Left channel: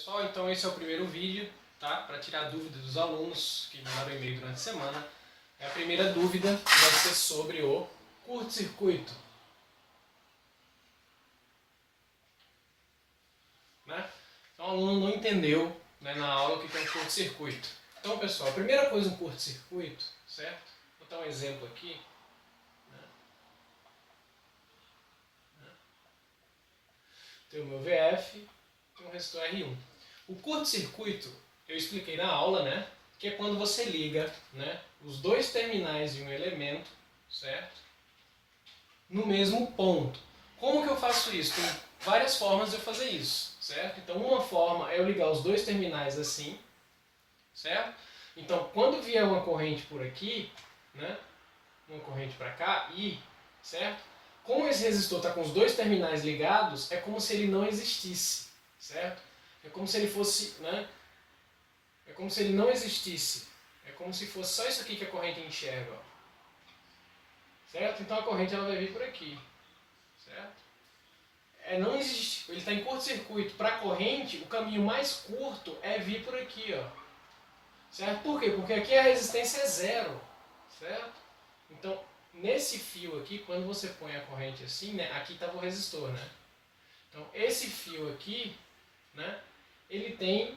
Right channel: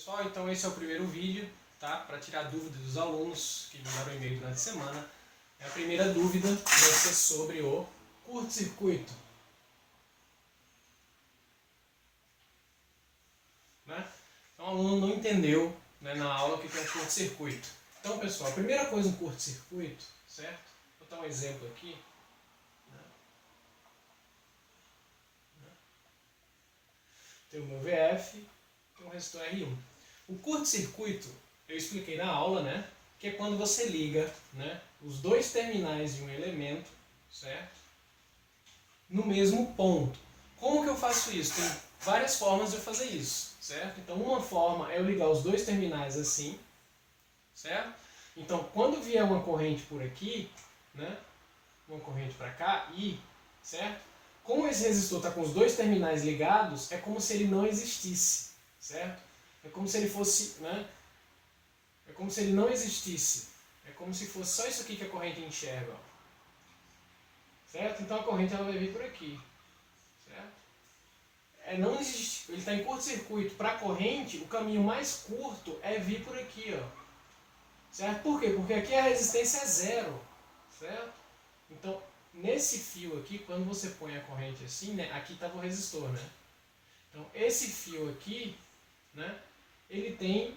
Pessoal, então esse é o primeiro vídeo, tá? Para tirar dúvidas dos alunos que mandaram e-mail durante a semana. A primeira dúvida vai ser sobre o curto-circuito. Né? Então o aluno não entendeu, né, na aula o que é um curto-circuito. Então, pessoal, a primeira coisa um curto-circuito, certo? Vou dar um exemplo aqui. Tem o meu VF, tem o resistor R1. O curto-circuito, eu expliquei na aula, né? Que é quando você liga, né, os dois terminais de um elemento, certo? No mesmo ponto. Como que eu faço isso? Tem várias formas de eu fazer isso, certo? Então, uma forma é eu ligar os dois terminais assim, certo? Então, quando vier uma corrente por aqui, né, uma corrente para cá, certo? Como esse resistor está com os dois terminais ligados, é como se ele não existisse, certo? É como se ele fosse, né? É como se ele não existisse. É como se fosse só isso aqui que a corrente enxerga, ó. Certo? Então a corrente ela vai vir por aqui, certo? Não existe, ele está em curto-circuito. Para a corrente, o caminho mais curto é vir por aqui, ó. Certo? Por quê? Porque aqui a resistência é zero, certo? Então, nesse fio aqui, quando você põe a corrente assim, né, aqui estava o resistor, né? Então, esse fio aqui, né, ele tem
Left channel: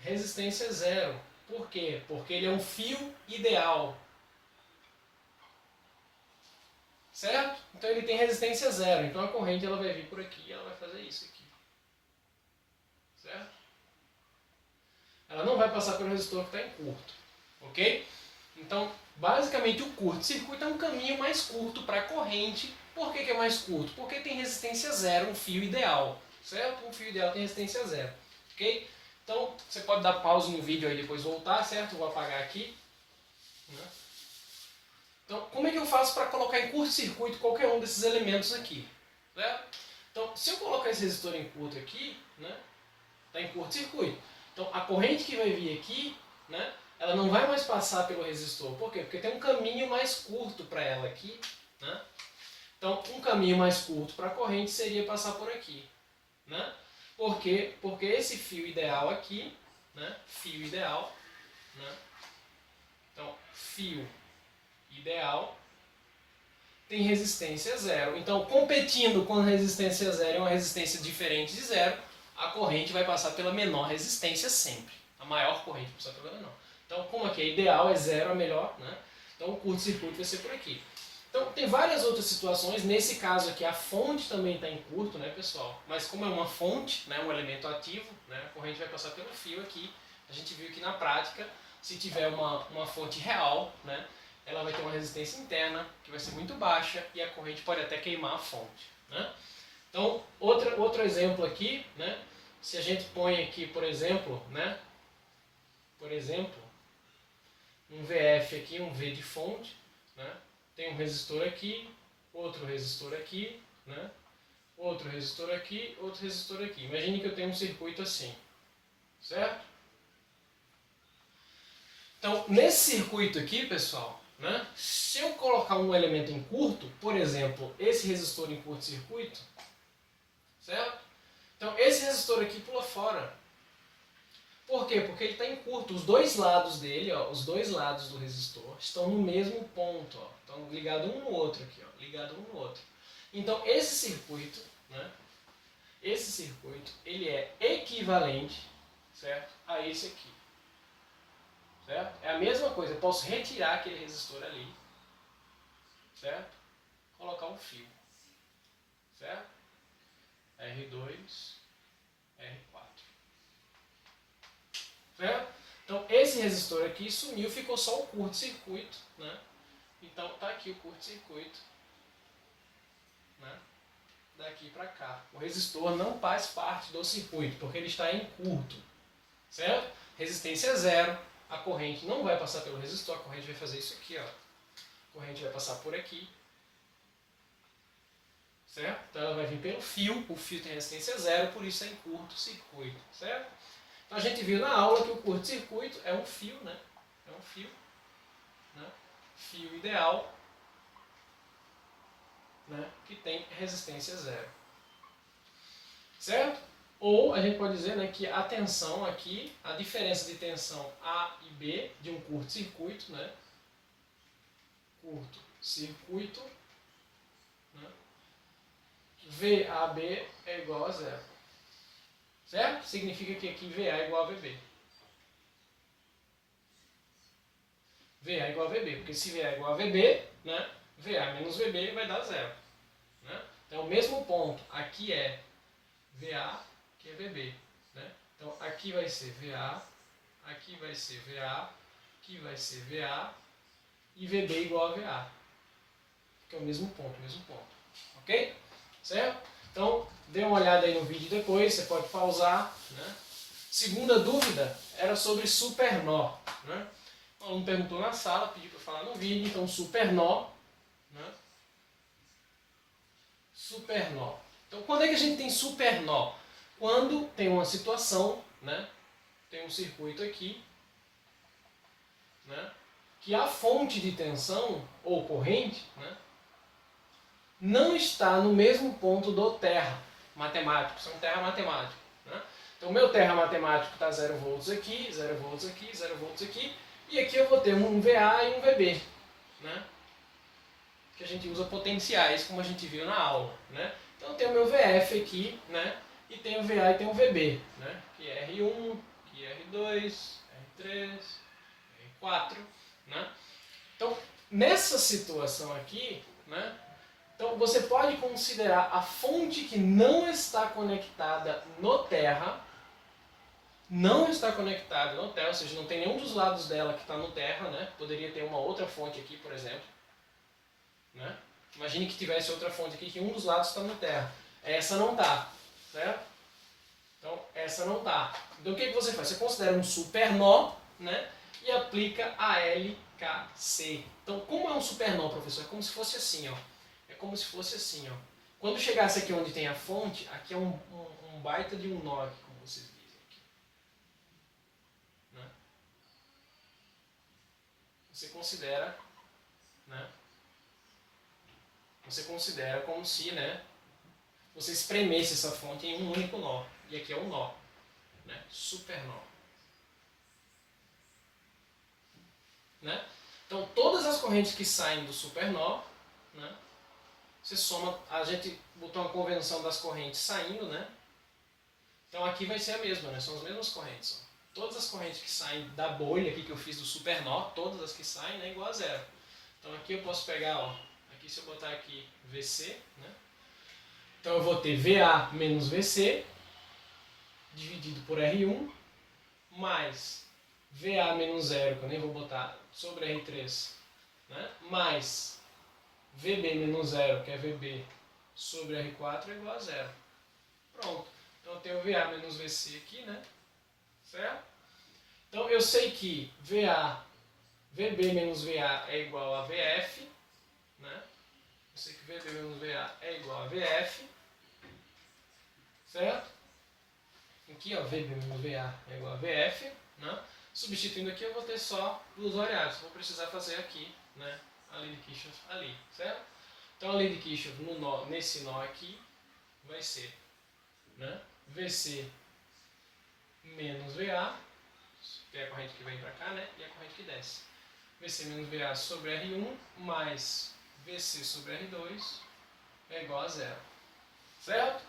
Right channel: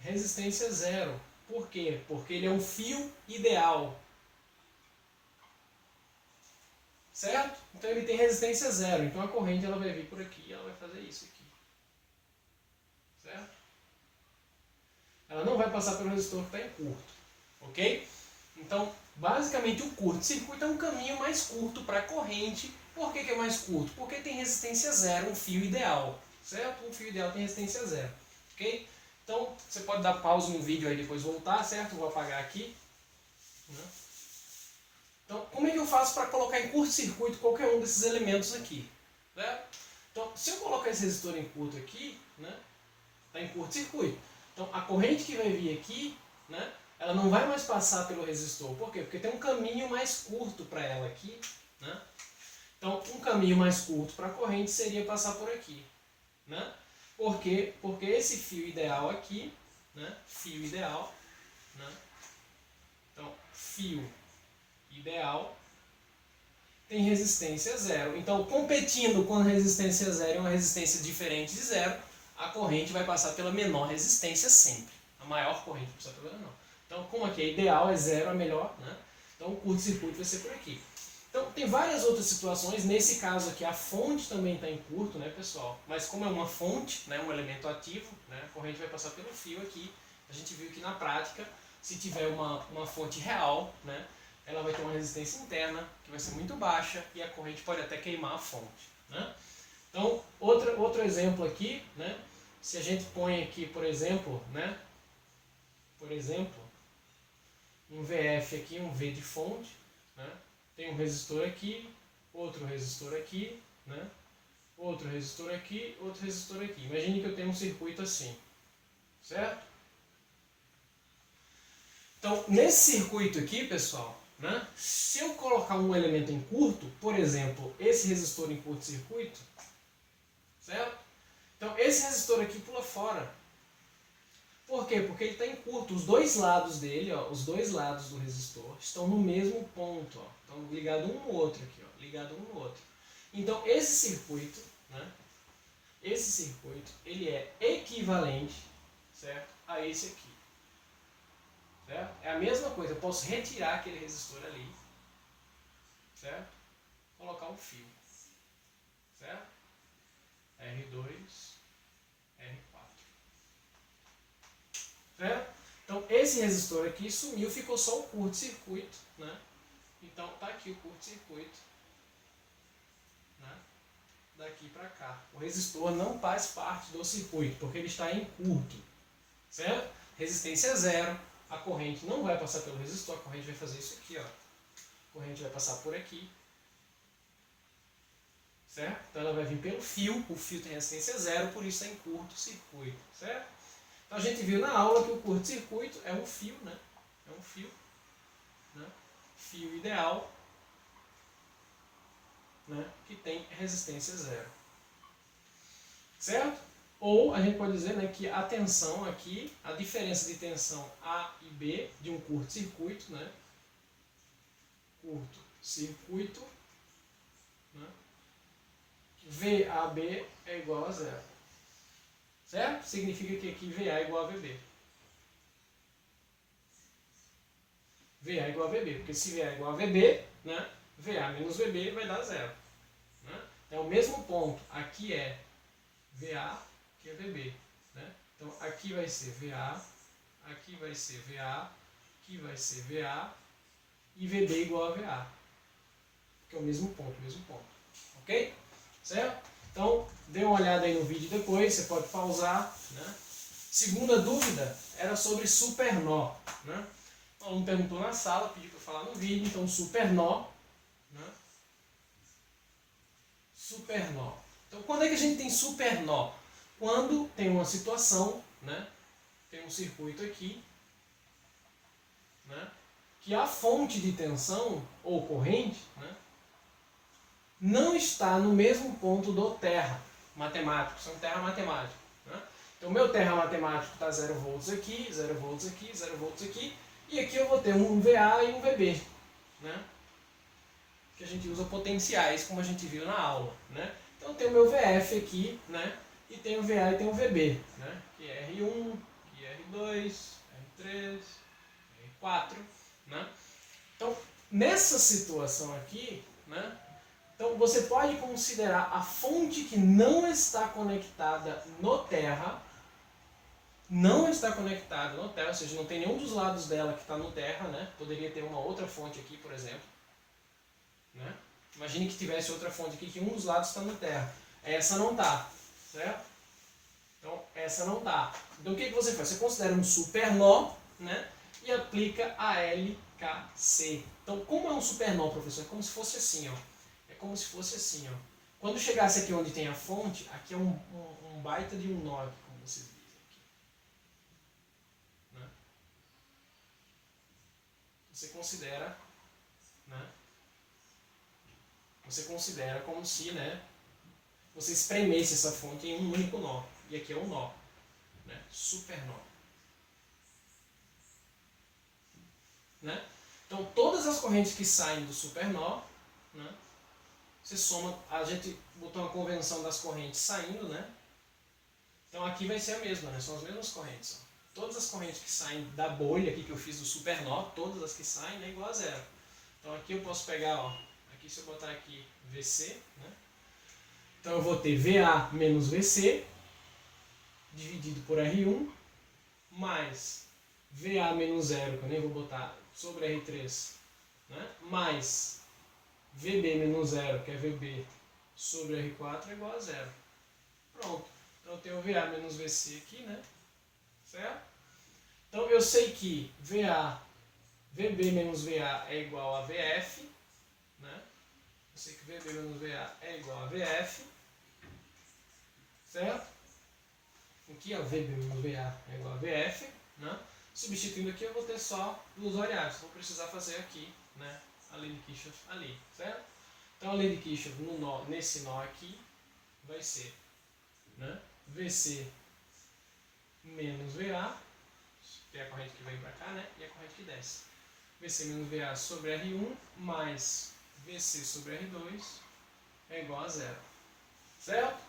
resistência zero. Por quê? Porque ele é um fio ideal. Certo? Então ele tem resistência zero. Então a corrente ela vai vir por aqui e ela vai fazer isso aqui. Certo? Ela não vai passar pelo resistor que está em curto. Ok? Então, basicamente o curto-circuito é um caminho mais curto para a corrente. Por que é mais curto? Porque tem resistência zero, um fio ideal. Certo? Um fio ideal tem resistência zero. Ok? Então, você pode dar pausa no vídeo aí e depois voltar, certo? Vou apagar aqui. Então, como é que eu faço para colocar em curto-circuito qualquer um desses elementos aqui? Certo? Então, se eu colocar esse resistor em curto aqui, né, está em curto-circuito. Então, a corrente que vai vir aqui, né, ela não vai mais passar pelo resistor. Por quê? Porque tem um caminho mais curto para ela aqui. Né? Então, um caminho mais curto para a corrente seria passar por aqui. Né? Por quê? Porque esse fio ideal aqui, né, fio ideal, né, então, fio ideal tem resistência zero. Então, competindo com a resistência zero e uma resistência diferente de zero, a corrente vai passar pela menor resistência sempre. A maior corrente vai passar pela menor. Então, como aqui é ideal, é zero, é melhor, né? Então, o curto-circuito vai ser por aqui. Então, tem várias outras situações. Nesse caso aqui, a fonte também está em curto, né, pessoal? Mas como é uma fonte, né, um elemento ativo, né, a corrente vai passar pelo fio aqui. A gente viu que na prática, se tiver uma fonte real, né, ela vai ter uma resistência interna que vai ser muito baixa e a corrente pode até queimar a fonte. Né? Então, outro exemplo aqui, né? Se a gente põe aqui, por exemplo, né? Um VF aqui, um V de fonte, né? Tem um resistor aqui, outro resistor aqui, né? Outro resistor aqui, outro resistor aqui. Imagine que eu tenho um circuito assim, certo? Então, nesse circuito aqui, pessoal, né, se eu colocar um elemento em curto, por exemplo, esse resistor em curto-circuito, certo? Então, esse resistor aqui pula fora. Por quê? Porque ele está em curto. Os dois lados dele, ó, os dois lados do resistor, estão no mesmo ponto. Ó, estão ligados um no outro aqui. Ó, ligado um no outro. Então, esse circuito, né, ele é equivalente, certo, a esse aqui. Certo? É a mesma coisa, eu posso retirar aquele resistor ali, certo? Colocar um fio, certo? R2, R4. Certo? Então esse resistor aqui sumiu, ficou só o curto-circuito, né? Então tá aqui o curto-circuito, né? Daqui para cá. O resistor não faz parte do circuito, porque ele está em curto, certo? Resistência zero, a corrente não vai passar pelo resistor, a corrente vai fazer isso aqui, ó. A corrente vai passar por aqui, certo? Então ela vai vir pelo fio, o fio tem resistência zero, por isso é em curto-circuito, certo? Então a gente viu na aula que o curto-circuito é um fio, né? É um fio, né? Fio ideal, né? Que tem resistência zero, certo? Ou a gente pode dizer, né, que a tensão aqui, a diferença de tensão A e B de um curto-circuito, né, curto-circuito, né, VAB é igual a zero. Certo? Significa que aqui VA é igual a VB. VA é igual a VB, porque se VA é igual a VB, né, VA menos VB vai dar zero. Né? Então, o mesmo ponto aqui é VA, que é VB. Né? Então, aqui vai ser VA, aqui vai ser VA, aqui vai ser VA e VB igual a VA. Que é o mesmo ponto, ok? Certo? Então, dê uma olhada aí no vídeo depois, você pode pausar. Né? Segunda dúvida era sobre supernó. Né? O aluno perguntou na sala, pediu para falar no vídeo, então supernó. Né? Supernó. Então, quando é que a gente tem supernó? Quando tem uma situação, né? Tem um circuito aqui, né? Que a fonte de tensão ou corrente, né? Não está no mesmo ponto do terra matemático, são terra matemático. Né? Então, o meu terra matemático está 0 volts aqui, 0 volts aqui, 0 volts aqui, e aqui eu vou ter um VA e um VB, né? Que a gente usa potenciais, como a gente viu na aula. Né? Então, eu tenho o meu VF aqui, né? E tem o VA e tem o VB, né? Que é R1, que é R2, R3, R4. Né? Então, nessa situação aqui, né? Então, você pode considerar a fonte que não está conectada no terra, ou seja, não tem nenhum dos lados dela que está no terra, né? Poderia ter uma outra fonte aqui, por exemplo. Né? Imagine que tivesse outra fonte aqui que um dos lados está no terra. Essa não está, certo? Então, essa não está. Então, o que você faz? Você considera um supernó, né? E aplica a LKC. Então, como é um supernó, professor? É como se fosse assim, ó. É como se fosse assim, ó. Quando chegasse aqui onde tem a fonte, aqui é um baita de um nó, aqui, como vocês dizem aqui. Né? Você considera, né? Você considera como se, né, você espremesse essa fonte em um único nó. E aqui é um nó, né? Supernó. Né? Então, todas as correntes que saem do supernó, né? Você soma, a gente botou uma convenção das correntes saindo, né? Então aqui vai ser a mesma, né? São as mesmas correntes. Ó. Todas as correntes que saem da bolha aqui que eu fiz do supernó, todas as que saem, né, igual a zero. Então aqui eu posso pegar, ó, aqui se eu botar aqui VC, né? Então eu vou ter VA menos VC dividido por R1 mais VA menos zero, que eu nem vou botar, sobre R3, né? Mais VB menos zero, que é VB, sobre R4 é igual a zero. Pronto. Então eu tenho VA menos VC aqui, né? Certo? Então eu sei que VB menos VA é igual a VF, né? Eu sei que VB menos VA é igual a VF, certo? Aqui, ó, VB menos VA é igual a VF, né? Substituindo aqui eu vou ter só duas variáveis, vou precisar fazer aqui, né? A lei de Kirchhoff ali, certo? Então a lei de Kirchhoff no nó, nesse nó aqui vai ser, né, VC menos VA, que é a corrente que vem para cá, né, e a corrente que desce. VC menos VA sobre R1 mais VC sobre R2 é igual a zero. Certo?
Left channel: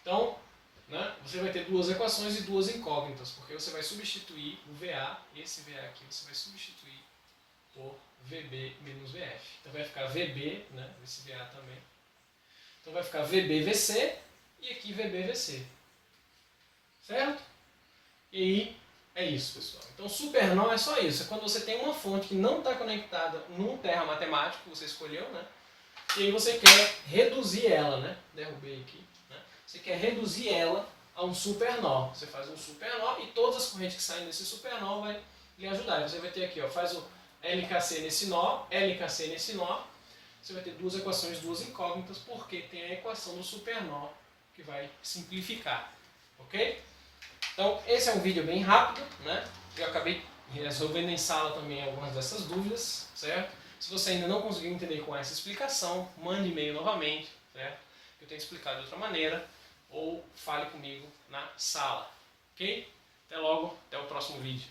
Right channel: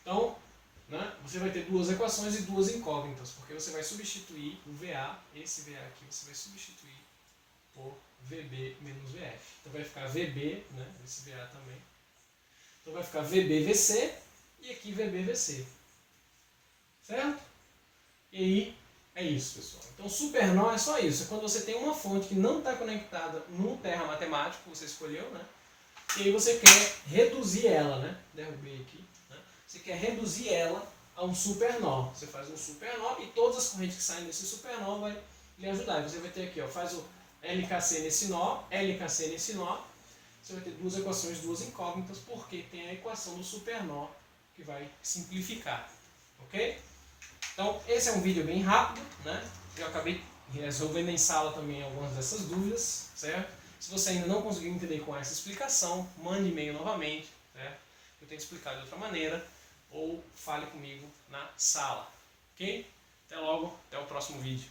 Então, né, você vai ter duas equações e duas incógnitas, porque você vai substituir o VA, esse VA aqui, você vai substituir por VB menos VF. Então vai ficar VB, né, esse VA também. Então vai ficar VB-VC e aqui VB-VC. Certo? E aí é isso, pessoal. Então supernó é só isso. É quando você tem uma fonte que não está conectada num terra matemático que você escolheu, né? E aí você quer reduzir ela, né? Derrubei aqui. Né? Você quer reduzir ela a um supernó. Você faz um supernó e todas as correntes que saem desse supernó vai lhe ajudar. E você vai ter aqui, ó, faz o LKC nesse nó, LKC nesse nó. Você vai ter duas equações, duas incógnitas, porque tem a equação do supernó que vai simplificar. Ok? Então, esse é um vídeo bem rápido, né? Eu acabei resolvendo em sala também algumas dessas dúvidas, certo? Se você ainda não conseguiu entender com essa explicação, mande e-mail novamente, certo? Eu tento explicar de outra maneira, ou fale comigo na sala. Ok? Até logo, até o próximo vídeo.